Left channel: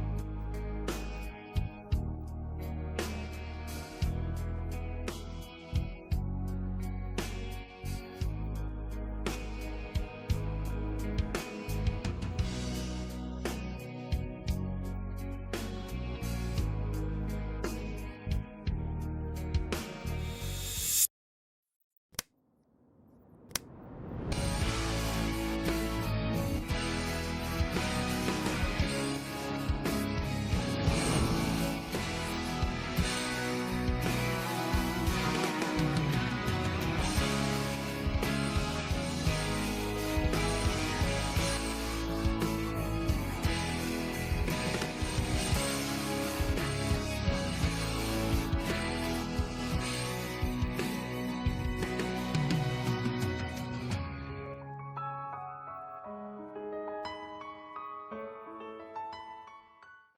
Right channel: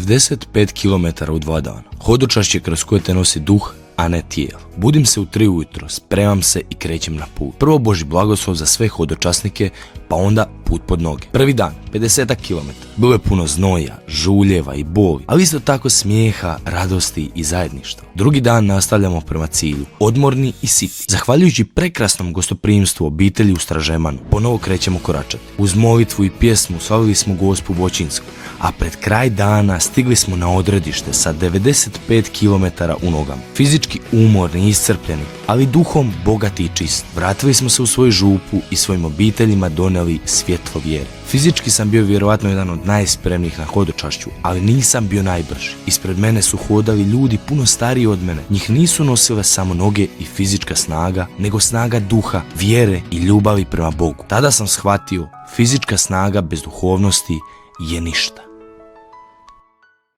95 km u 2 dana. Hodočašće kroz koje te nosi duh, a ne tijelo. Budim se u 3 ujutro, spremam se i krećem na put. Prvo Božji blagoslov za sve hodočasnike, pa onda put pod noge. Prvi dan, 50 km. Bilo je puno znoja, žuljeva i boli, ali isto tako smijeha, radosti i zajedništva. Drugi dan nastavljamo prema cilju, odmorni i siti. Zahvaljujući prekrasnom gostoprimstvu obitelji u Stražemanu, ponovo krećemo koračati. Uz molitvu i pjesmu slavili smo Gospu Voćinsku, a pred kraj dana stigli smo na odredište sa 95 km u nogama. Fizički umorni i iscrpljeni, ali duhom bogati i čist. Vratili smo se u svoju župu i svojim obiteljima donijeli svjetlo vjere. Fizički sam bio vjerovatno jedan od najspremnijih na hodočašću, ali nisam bio najbrži. Ispred mene su hodali ljudi puno stariji od mene. Njih nisu nosile samo noge i fizička snaga, nego snaga duha, vjere i ljubavi prema Bogu. Tada sam shvatio, fizička snaga bez duhovnosti je ništa.